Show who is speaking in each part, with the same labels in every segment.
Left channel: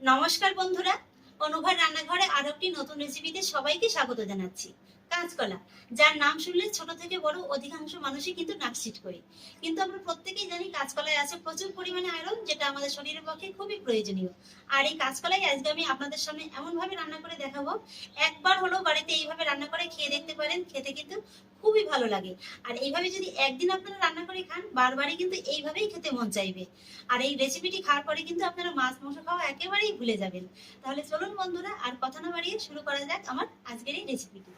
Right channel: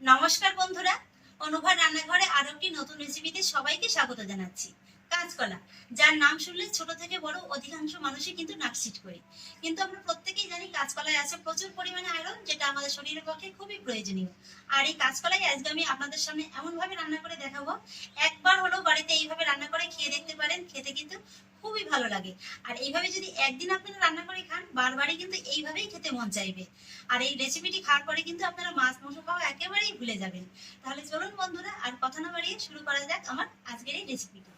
Speaker 1: নমস্কার বন্ধুরা অনুভব রান্নাঘরে আরও একটি নতুন রেসিপিতে সবাইকে স্বাগত জানাচ্ছি, কাঁচকলা। যার নাম শুনলে ছোট থেকে বড় অধিকাংশ মানুষই কিন্তু নাকসিট করি। কিন্তু আমরা প্রত্যেকেই জানি কাঁচকলায় আছে প্রচুর পরিমাণে আয়রন, যেটা আমাদের শরীরের পক্ষে খুবই প্রয়োজনীয়। আর এই কাঁচকলাই আজকে আমি আপনাদের সামনে এমন ভাবে রান্না করে দেখাবো, একবার হলেও বাড়িতে এইভাবে রান্না করে খেয়ে দেখতে পারেন, খেতে কিন্তু ভালো লাগে। আর এইভাবে যদি একদিন আপনারা রান্না করে খান, বারবারই কিন্তু এইভাবেই খেতে মন চাইবে। আর এই রেসিপিটি খাওয়ার পরে কিন্তু আপনারা মাছ, মাংস খাওয়া একেবারেই ভুলে যাবেন। তাহলে চলুন বন্ধুরা, আর কথা না বাড়িয়ে শুরু করা যাক আমার আজকের এই রেসিপিটি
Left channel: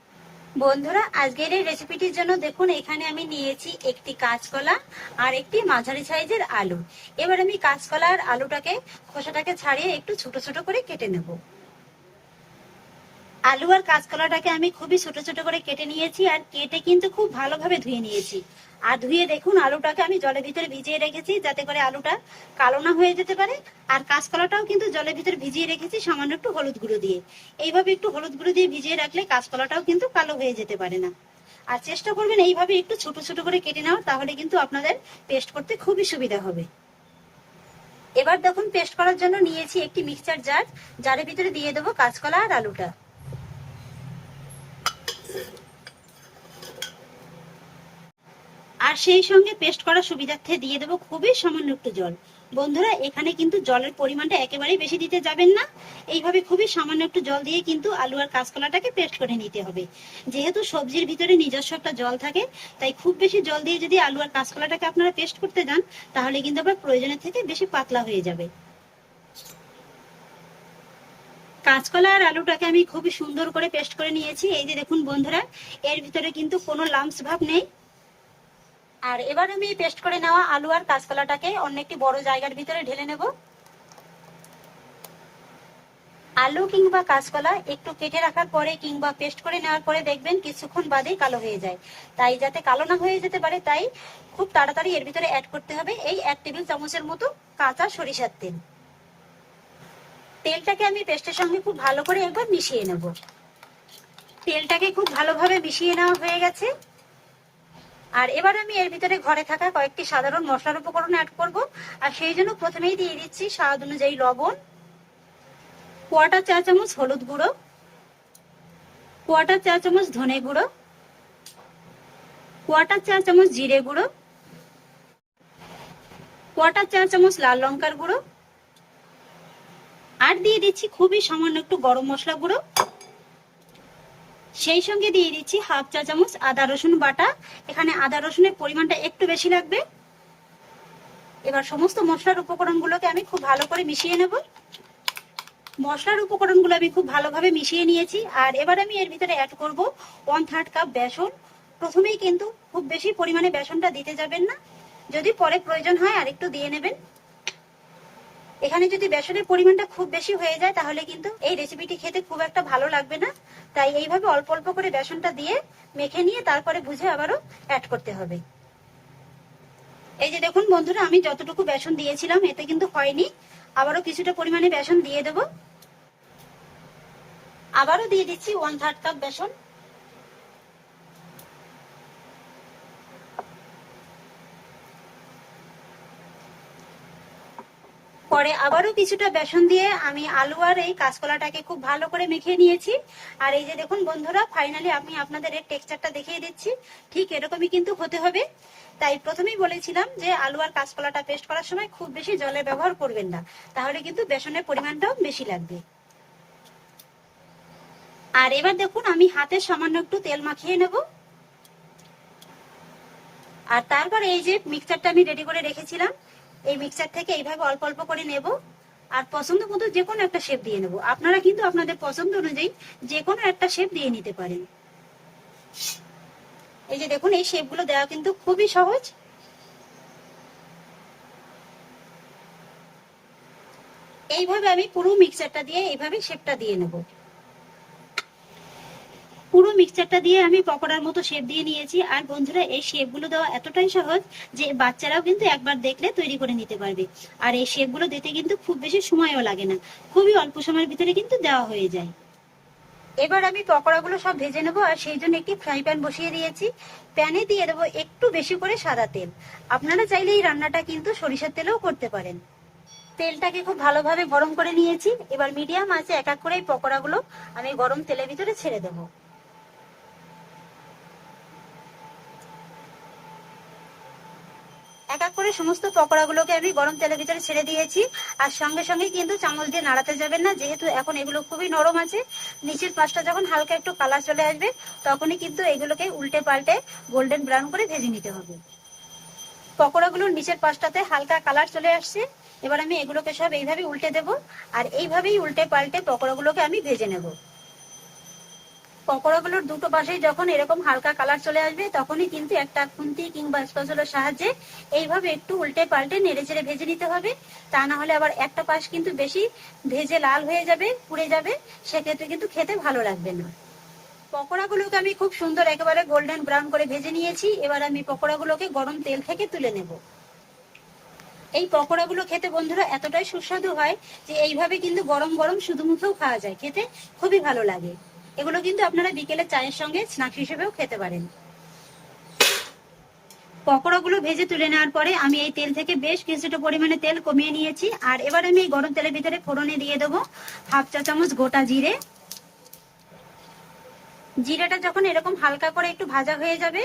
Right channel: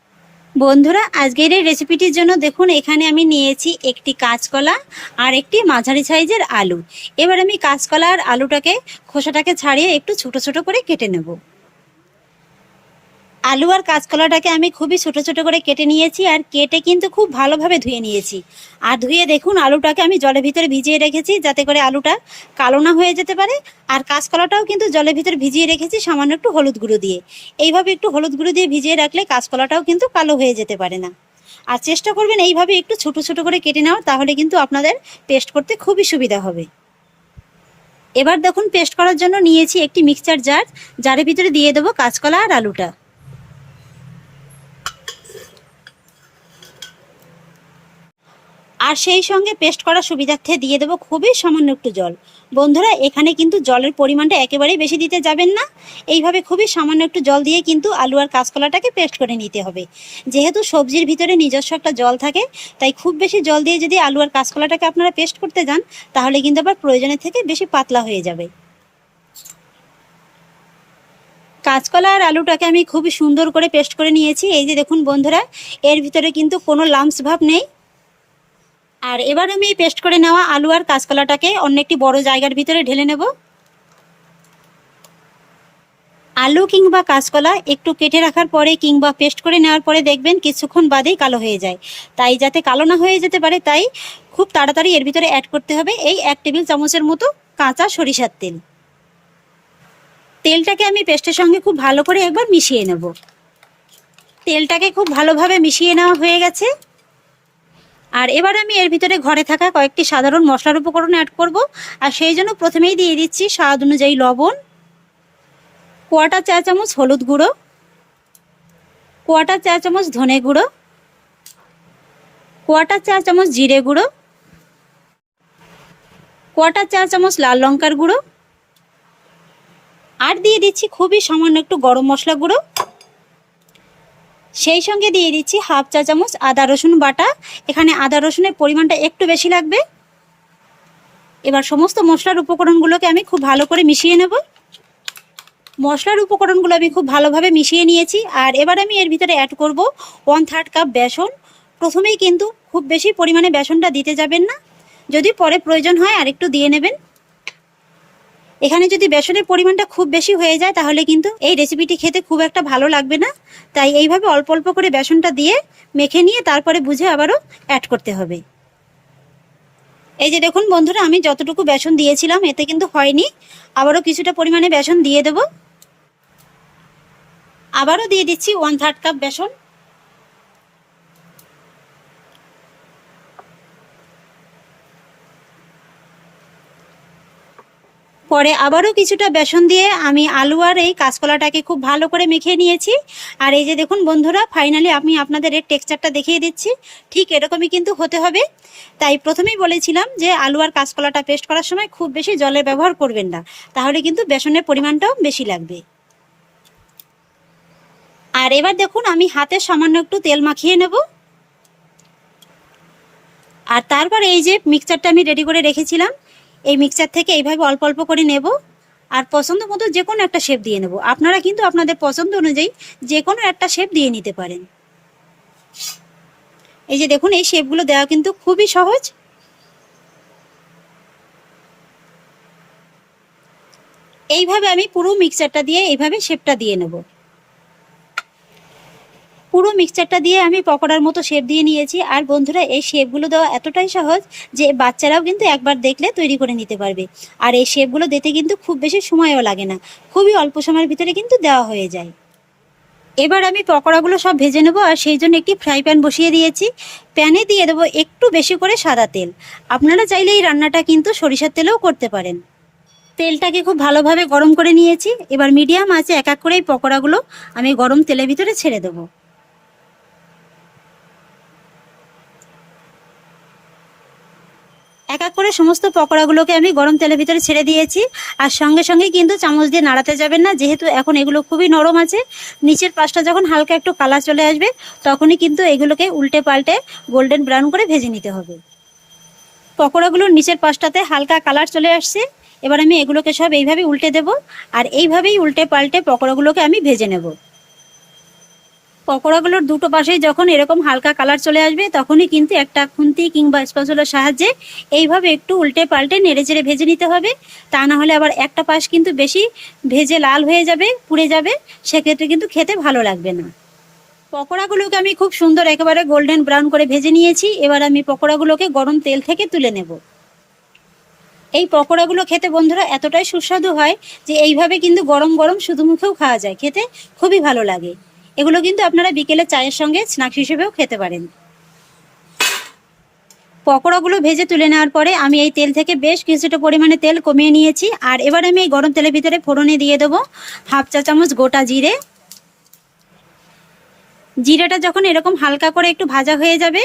Speaker 1: বন্ধুরা, আজকের এই রেসিপিটির জন্য দেখুন, এখানে আমি নিয়েছি একটি কাঁচকলা আর একটি মাঝারি সাইজের আলু। এবার আমি কাঁচকলা আর আলুটাকে খোসাটাকে ছাড়িয়ে একটু ছোট ছোট করে কেটে নেব। আলু আর কাঁচকলাটাকে আমি খুবই ছোট ছোট করে কেটে নিয়েছি আর কেটে কিন্তু খুব ভালোভাবে ধুয়ে নিয়েছি। আর ধুয়ে দেখুন আলুটাকে আমি জলের ভিতরে ভিজিয়ে রেখেছি যাতে করে আলুটা কালো না হয়ে যেতে পারে। আর কাঁচকলাটাও কিন্তু জলের ভিতরে ভিজিয়ে রেখেছি সামান্য একটু হলুদ গুঁড়ো দিয়ে। এইভাবে একটু হলুদ গুঁড়ো দিয়ে ভিজিয়ে রাখলে কাঁচকলাটাও কিন্তু কালো হয়ে যেতে পারে না। আর চেষ্টা করবেন এইভাবে একটু ছোট ছোট করে কেটে নেওয়ার, তাহলে কিন্তু আপনাদের পেস্ট করতে খুবই সুবিধা হবে। এবার দেখুন পেস্ট করার জন্য নিয়েছি একটি মিক্সচার জার জারের ভিতরে দিয়ে দেবো কাঁচকলা আর আলুটা। আর সেই সঙ্গে পেস্ট করার সুবিধার্থে দিয়ে দেবো খুবই সামান্য একটু জল। বন্ধুরা, এখানে কিন্তু জলের পরিমাণটা একেবারেই বেশি দিতে যাবেন না। এইভাবে খুবই সামান্য একটু জল দিয়ে কিন্তু আলু আর কাঁচকলাটাকে পেস্ট করে নিতে হবে। যেহেতু সবজির ভিতরে নিজস্ব একটা জল থাকে, তাই খুব বেশি জল দিয়ে যদি আলু আর কাঁচকলাটাকে আপনারা পেস্ট করতে যান, তাহলে কিন্তু আবার প্রয়োজনের থেকে বেশি পাতলা হয়ে যাবে। কাঁচকলা আর আলুটাকে আমি খুবই সুন্দর করে পেস্ট করে নিয়েছি। এই যে দেখুন বন্ধুরা, এর ভিতরে কিন্তু কোনো লাম্পস ভাব নেই। আর এবার আমি পেস্ট করে নেওয়া আলু আর কাঁচকলাটাকে অন্য একটি বড় জায়গার ভিতরে ঢেলে নেব। আলু কিংবা কাঁচকলা একটু কেটে রাখার পরে কিংবা পেস্ট করে নেওয়ার পরে দেখবেন কিছুক্ষণ বাদেই কালো হয়ে যায়। তাই যাতে কালো না হয়ে যেতে পারে, তাই খুব তাড়াতাড়ি এর ভিতরে অ্যাড করতে হবে এই এক টেবিল চামচের মতো কাঁচা সরিষার তেল। তেলটাকে আমি পেস্টের সঙ্গে খুব ভালো করে একবার মিশিয়ে নেব। তেলটাকে খুব ভালোভাবে মিশিয়ে নেওয়া হয়ে গেছে। আর এবার আমি এর ভিতরে ঘরে থাকা কয়েকটি সাধারণ মশলার উপকরণ অ্যাড করব। আর সেই জন্য প্রথমেই দিয়ে দিচ্ছি স্বাদ অনুযায়ী লবণ কোয়াটা চা চামচ হলুদ গুঁড়ো কোয়াটা চা চামচ ধনে গুঁড়ো কোয়াটা চা চামচ জিরে গুঁড়ো কোয়াটা চা চামচ লাল লঙ্কার গুঁড়ো, আর দিয়ে দিচ্ছি খুবই সামান্য একটু গরম মশলা গুঁড়ো। সেই সঙ্গে দিয়ে দিচ্ছি হাফ চা চামচ আদা রসুন বাটা। এখানে আদা রসুনের পরিমাণটা একটু বেশি লাগবে। এবার সমস্ত মশলার উপকরণগুলোকে আমি খুব ভালো করে মিশিয়ে নেব। মশলার উপকরণগুলো আমি খুব ভালোভাবে মিশিয়ে নিয়েছি। আর এবার আমি এর ভিতরে অ্যাড করব ওয়ান থার্ড কাপ বেসন। প্রথমেই কিন্তু খুব বেশি পরিমাণে বেসনটা দিতে যাবেন না। যদি পরে প্রয়োজন হয় আরেকটু দিয়ে নেবেন। এখানে যদি বেসনের পরিমাণটা খুব বেশি হয়ে যায়, তাহলে কিন্তু এই রেসিপিটি খেতে খুব একটা ভালো লাগবে না। তাই এইভাবে অল্প অল্প করে বেসনটা দিয়ে মেখে নিয়ে তারপরে বুঝে আবারও অ্যাড করতে হবে। এই যে দেখুন বন্ধুরা, আমি যতটুকু বেসন দিয়েছিলাম, এতে কিন্তু হয়নি। আবারও কিছুটা পরিমাণে বেসন দিয়ে দেব। আবারও দিয়ে দিচ্ছি ওয়ান থার্ড কাপ বেসন। পরে আবারও কিছুটা বেসন দিয়ে আমি আলু আর এই কাঁচকলাটাকে খুব ভালো করে মেখে নিয়েছি। আর এই যে দেখুন বন্ধুরা ফাইনালি আমি আপনাদের এর টেক্সচারটা দেখিয়ে দিচ্ছি। ঠিক এরকমই কিন্তু হতে হবে। তাই প্রথমেই বলেছিলাম যে আলু আর কাঁচকলাটা পেস্ট করার সময় খুব বেশি জলের ব্যবহার করবেন না। তাহলে কিন্তু বেসনের পরিমাণটাও বেশি লাগবে। আর এবার দেখুন আমি হাতে সামান্য একটু তেল মাখিয়ে নেব। আর তারপর এই যে মিক্সচারটা আমি রেডি করে রেখেছিলাম। এই মিক্সচার থেকে এইভাবে অল্প অল্প করে নেব। আর পছন্দ মতো যে কোনো একটা শেপ দিয়ে নেব। আপনারা কিন্তু আপনাদের পছন্দ অনুযায়ী যে কোনো একটা শেপ দিয়ে নিতে পারেন। এই যে দেখুন, এই শেপগুলো দেওয়া কিন্তু খুবই সহজ। এইভাবে আমি পুরো মিক্সচারটা দিয়ে এইভাবে শেপটা দিয়ে নেব। পুরো মিক্সচারটা দিয়ে আমি পকোড়ার মতো শেপ দিয়ে নিয়েছি। আর বন্ধুরা, এই শেপগুলো দেওয়া এতটাই সহজ যে বাচ্চারাও কিন্তু একবার দেখলে তৈরি করে নিতে পারবে। আর এই শেপগুলো দিতে কিন্তু খুব বেশি সময়ও লাগে না। খুবই অল্প সময়ের ভিতরে কিন্তু দেওয়া হয়ে যায়। এবার আমি পকোড়াগুলো সব ভেজে নেব আর সেই জন্য একটি ফ্রাই প্যান বসিয়ে দিয়েছি। প্যানে দিয়ে দেবো একটু বেশি করে সাদা তেল। আপনারা চাইলে এই রান্নাটা কিন্তু সরিষার তেলেও করতে পারেন। তেলটাকে খুব ভালোভাবে গরম করে নিয়েছি। এবার মিডিয়াম আছে এক এক করে এই পকোড়াগুলো আমি গরম তেলের ভিতরে ছেড়ে দেবো। এক এক করে সমস্ত পকোড়াগুলোকে আমি গরম তেলের ভিতরে ছেড়ে দিয়েছি। আর সঙ্গে সঙ্গে কিন্তু চামচ দিয়ে নাড়াতে যাবেন না, যেহেতু এখন এগুলো খুবই নরম আছে। নিচের পাশটা যখন হালকা একটু কালার চলে আসবে, তখনই কিন্তু এগুলোকে উল্টে পাল্টে গোল্ডেন ব্রাউন করে ভেজে নিতে হবে। পকোড়াগুলোর নিচের পাশটাতে হালকা কালার চলে আসছে। এবার আমি এগুলোকে সব এইভাবে উল্টে দেব। আর এইভাবেই উল্টে পাল্টে পকোড়াগুলোকে আমি ভেজে নেব। পকোড়াগুলোর দুটো পাশেই যখন এরকম হালকা কালার চলে আসবে, তখনই কিন্তু একটা খুন্তি কিংবা স্পেশালের সাহায্যে এইভাবে একটু উল্টে পাল্টে নেড়ে চেড়ে ভেজে নিতে হবে। তা না হলে আবার একটা পাশ কিন্তু বেশি ভেজে লাল হয়ে যাবে, পুড়ে যাবে, সেক্ষেত্রে কিন্তু খেতে ভালো লাগবে না। পকোড়াগুলোকে আমি খুব সুন্দর একেবারে গোল্ডেন ব্রাউন করে ভেজে নিয়েছি। এবার আমি পকোড়াগুলোকে গরম তেল থেকে তুলে নেব। এই পকোড়াগুলো খেতে বন্ধুরা এতটাই সুস্বাদু হয় যে এইভাবে কিন্তু গরম গরম শুধু মুখেও খাওয়া যায়। খেতে খুবই ভালো লাগে। এগুলো কিন্তু আপনারা বিকেলে চায়ের সঙ্গে স্ন্যাক্স হিসেবেও খেতে পারেন। পকোড়াগুলো ভেজে তুলে নেওয়ার পরে আমি এই তেল থেকে বেশ কিছুটা পরিমাণে তেল কমিয়ে নিয়েছি। আর এবার আমি এই গরম তেলের ভিতরে ফোড়নে দিয়ে দেবো হাফ চা চামচ গোটা জিরে। জিরেটা যখন এরকম হালকা করে একটু ভাজা হয়ে যাবে,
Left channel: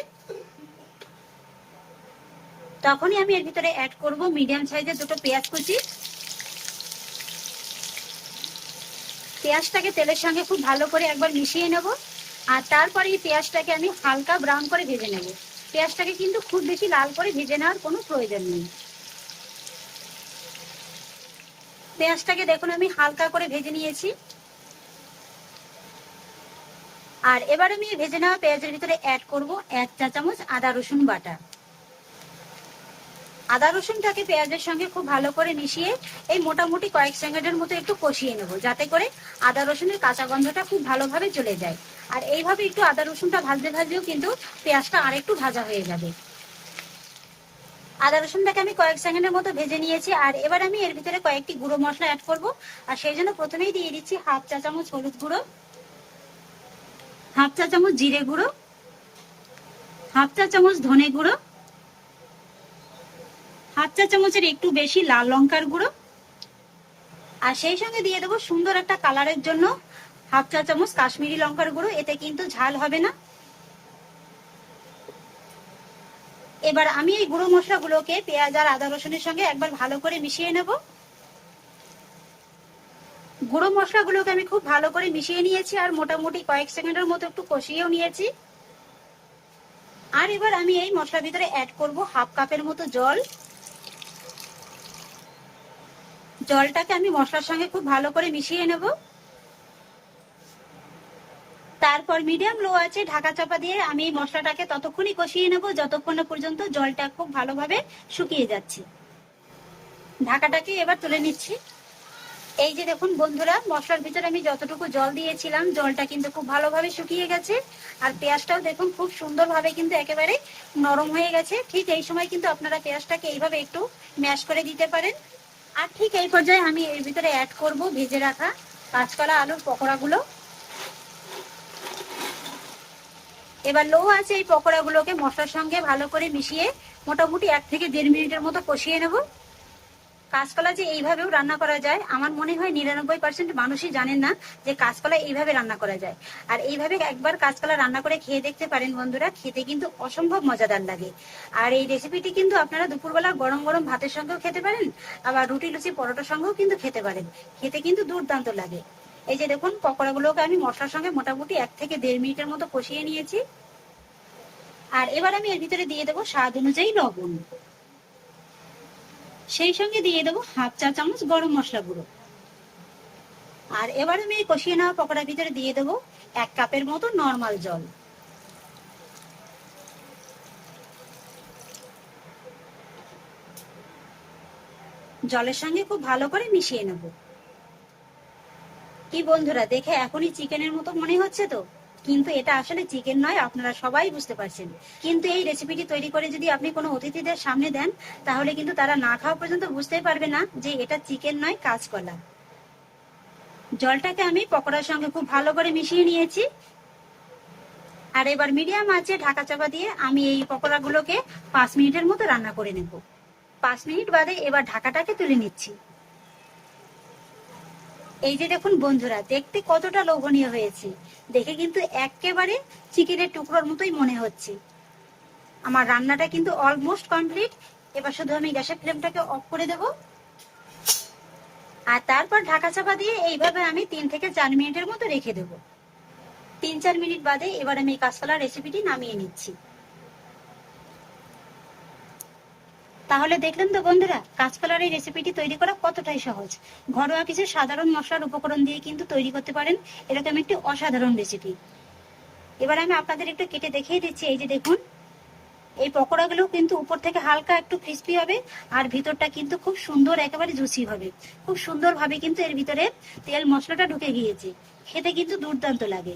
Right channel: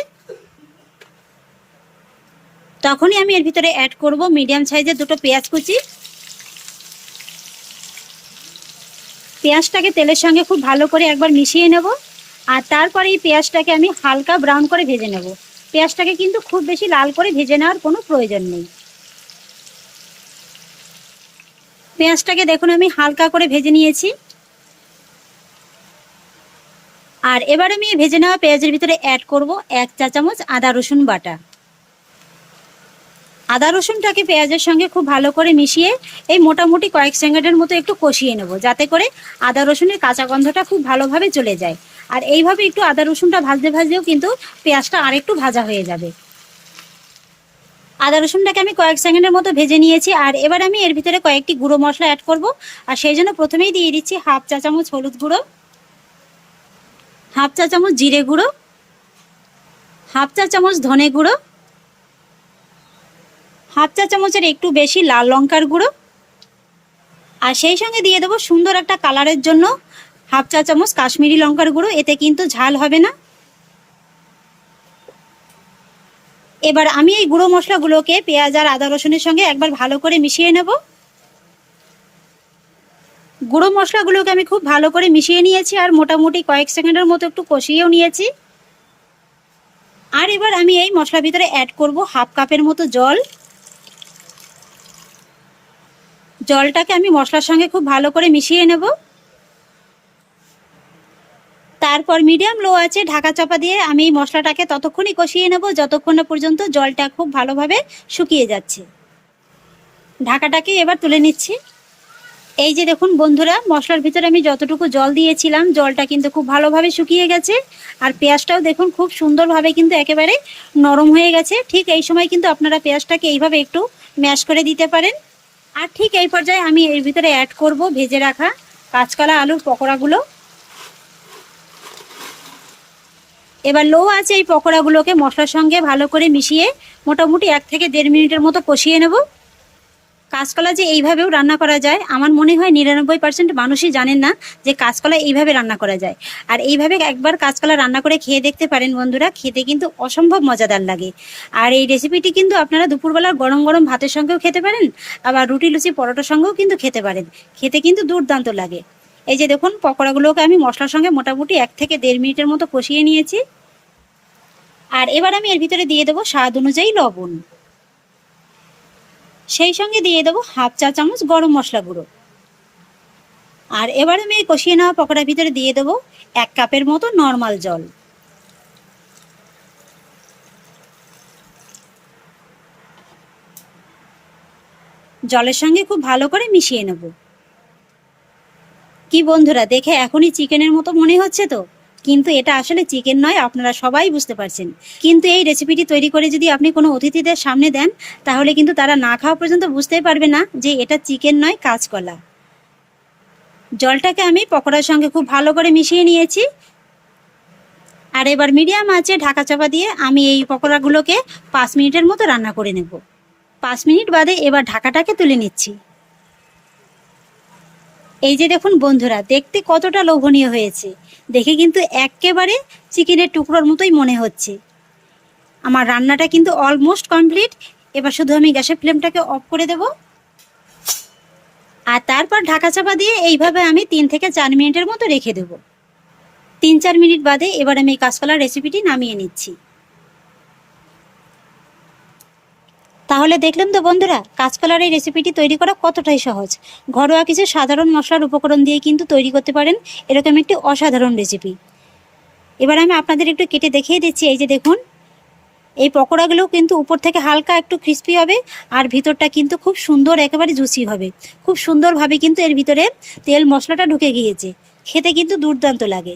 Speaker 1: তখনই আমি এর ভিতরে অ্যাড করব মিডিয়াম সাইজের দুটো পেঁয়াজ কুচি। পেঁয়াজটাকে তেলের সঙ্গে খুব ভালো করে একবার মিশিয়ে নেব। আর তারপরে এই পেঁয়াজটাকে আমি হালকা ব্রাউন করে ভেজে নেব। পেঁয়াজটাকে কিন্তু খুব বেশি লাল করে ভেজে নেওয়ার কোনো প্রয়োজন নেই। পেঁয়াজটাকে দেখুন আমি হালকা করে ভেজে নিয়েছি। আর এবার আমি ভেজে নেওয়া পেঁয়াজের ভিতরে অ্যাড করব এক চা চামচ আদা রসুন বাটা। আদা রসুনটাকে পেঁয়াজের সঙ্গে খুব ভালো করে মিশিয়ে এই মোটামুটি কয়েক সেকেন্ডের মতো একটু কষিয়ে নেব, যাতে করে আদা রসুনের কাঁচা গন্ধটা খুব ভালোভাবে চলে যায়। আর এইভাবে একটু আদা রসুনটা ভাজতে ভাজতেও কিন্তু পেঁয়াজটা আরেকটু ভাজা হয়ে যাবে। আদা রসুনটাকে আমি কয়েক সেকেন্ডের মতো ভেজে নিয়েছি, আর এবার আমি এর ভিতরে কয়েকটি গুঁড়ো মশলা অ্যাড করব, আর সেই জন্য প্রথমেই দিয়ে দিচ্ছি হাফ চা চামচ হলুদ গুঁড়ো, হাফ চা চামচ জিরে গুঁড়ো, হাফ চা চামচ ধনে গুঁড়ো হাফ চা চামচের একটু বেশি লাল লঙ্কার গুঁড়ো। আর সেই সঙ্গে দিয়ে দেবো সুন্দর একটা কালারের জন্য হাফ চা চামচ কাশ্মীরি লঙ্কার গুঁড়ো, এতে কিন্তু ঝাল হবে না। এবার আমি এই গুঁড়ো মশলাগুলোকে পেঁয়াজ আর আদা রসুনের সঙ্গে একবার ভালো করে মিশিয়ে নেব। গুঁড়ো মশলাগুলোকে আমি খুব ভালো করে মিশিয়ে নিয়েছি আর মোটামুটি কয়েক সেকেন্ডের মতো একটু কষিয়েও নিয়েছি। আর এবার আমি এই মশলার ভিতরে অ্যাড করব হাফ কাপের মতো জল। জলটাকে আমি মশলার সঙ্গে খুব ভালো করে মিশিয়ে নেব। তারপর মিডিয়াম লো আছে, ঢাকা চাপা দিয়ে আমি মশলাটাকে ততক্ষণই কষিয়ে নেব, যতক্ষণ না পর্যন্ত জলটা খুব ভালোভাবে শুকিয়ে যাচ্ছে। ঢাকাটাকে এবার তুলে নিচ্ছি। এই যে দেখুন বন্ধুরা, মশলার ভিতরে আমি যতটুকু জল দিয়েছিলাম, জলটা কিন্তু খুব ভালোভাবে শুকিয়ে গেছে। আর পেঁয়াজটাও দেখুন খুব সুন্দরভাবে কিন্তু একেবারে নরম হয়ে গেছে। ঠিক এই সময় কিন্তু আপনারা পেঁয়াজটাকে এইভাবে একটু ম্যাশ করে দিতে পারেন। আর ঠিক এই পর্যায়ে আমি এর ভিতরে অ্যাড করব ভেজে রাখা কাঁচকলা, আলুর পকোড়াগুলো। এবার লো আছে এই পকোড়াগুলোকে মশলার সঙ্গে ভালো করে মিশিয়ে মোটামুটি এক থেকে দেড় মিনিটের মতো কষিয়ে নেব। কাঁচকলা যে এইভাবেও রান্না করা যায়, আমার মনে হয় নিরানব্বই পার্সেন্ট মানুষই জানেন না যে কাঁচকলা এইভাবে রান্না করা যায়। আর এইভাবে একবার কাঁচকলা রান্না করে খেয়ে দেখতে পারেন বন্ধুরা, খেতে কিন্তু অসম্ভব মজাদার লাগে। আর এই রেসিপিটি কিন্তু আপনারা দুপুরবেলা গরম গরম ভাতের সঙ্গেও খেতে পারেন, আবার রুটি, লুচি, পরোটার সঙ্গেও কিন্তু খেতে পারেন। খেতে কিন্তু দুর্দান্ত লাগে। এই যে দেখুন, পকোড়াগুলোকে আমি মশলার সঙ্গে মোটামুটি এক থেকে দেড় মিনিটের মতো কষিয়ে নিয়েছি। আর এবার আমি এর ভিতরে দিয়ে দেবো স্বাদ অনুযায়ী লবণ। সেই সঙ্গে দিয়ে দেবো হাফ চা চামচ গরম মশলা গুঁড়ো। আর এবার আমি কষিয়ে নেওয়া পকোড়ার ভিতরে দিয়ে দেবো এক কাপের মতো নর্মাল জল। জলের সঙ্গে খুব ভালো করে মিশিয়ে নেব। কি বন্ধুরা, দেখে এখনই চিকেনের মতো মনে হচ্ছে তো? কিন্তু এটা আসলে চিকেন নয়, আপনারা সবাই বুঝতে পারছেন। কিন্তু এই রেসিপিটি তৈরি করে যদি আপনি কোনো অতিথিদের সামনে দেন, তাহলে কিন্তু তারা না খাওয়া পর্যন্ত বুঝতেই পারবে না যে এটা চিকেন নয়, কাঁচকলা। জলটাকে আমি পকোড়ার সঙ্গে খুব ভালো করে মিশিয়ে নিয়েছি। আর এবার মিডিয়াম আছে ঢাকা চাপা দিয়ে আমি এই পকোড়াগুলোকে পাঁচ মিনিটের মতো রান্না করে নেব। পাঁচ মিনিট বাদে এবার ঢাকাটাকে তুলে নিচ্ছি। এই যে দেখুন বন্ধুরা, দেখতে কতটা লোভনীয় হয়েছে। দেখে কিন্তু একেবারে চিকেনের টুকরোর মতোই মনে হচ্ছে। আমার রান্নাটা কিন্তু অলমোস্ট কমপ্লিট এবার শুধু আমি গ্যাসের ফ্লেমটাকে অফ করে দেব। আর তারপর ঢাকা চাপা দিয়ে এইভাবে আমি তিন থেকে চার মিনিটের মতো রেখে দেব। তিন চার মিনিট বাদে এবার আমি কাঁচকলার রেসিপিটি নামিয়ে নিচ্ছি। তাহলে দেখলেন তো বন্ধুরা, কাঁচকলার এই রেসিপিটি তৈরি করা কতটাই সহজ। ঘরোয়া কিছু সাধারণ মশলার উপকরণ দিয়ে কিন্তু তৈরি করতে পারেন এরকম একটি অসাধারণ রেসিপি এবার আমি আপনাদের একটু কেটে দেখিয়ে দিচ্ছি, এই যে দেখুন, এই পকোড়াগুলো কিন্তু উপর থেকে হালকা একটু ক্রিস্পি হবে আর ভিতরটা কিন্তু খুব সুন্দর, একেবারে জুসি হবে। খুব সুন্দরভাবে কিন্তু এর ভিতরে তেল মশলাটা ঢুকে গিয়েছে। খেতে কিন্তু দুর্দান্ত লাগে।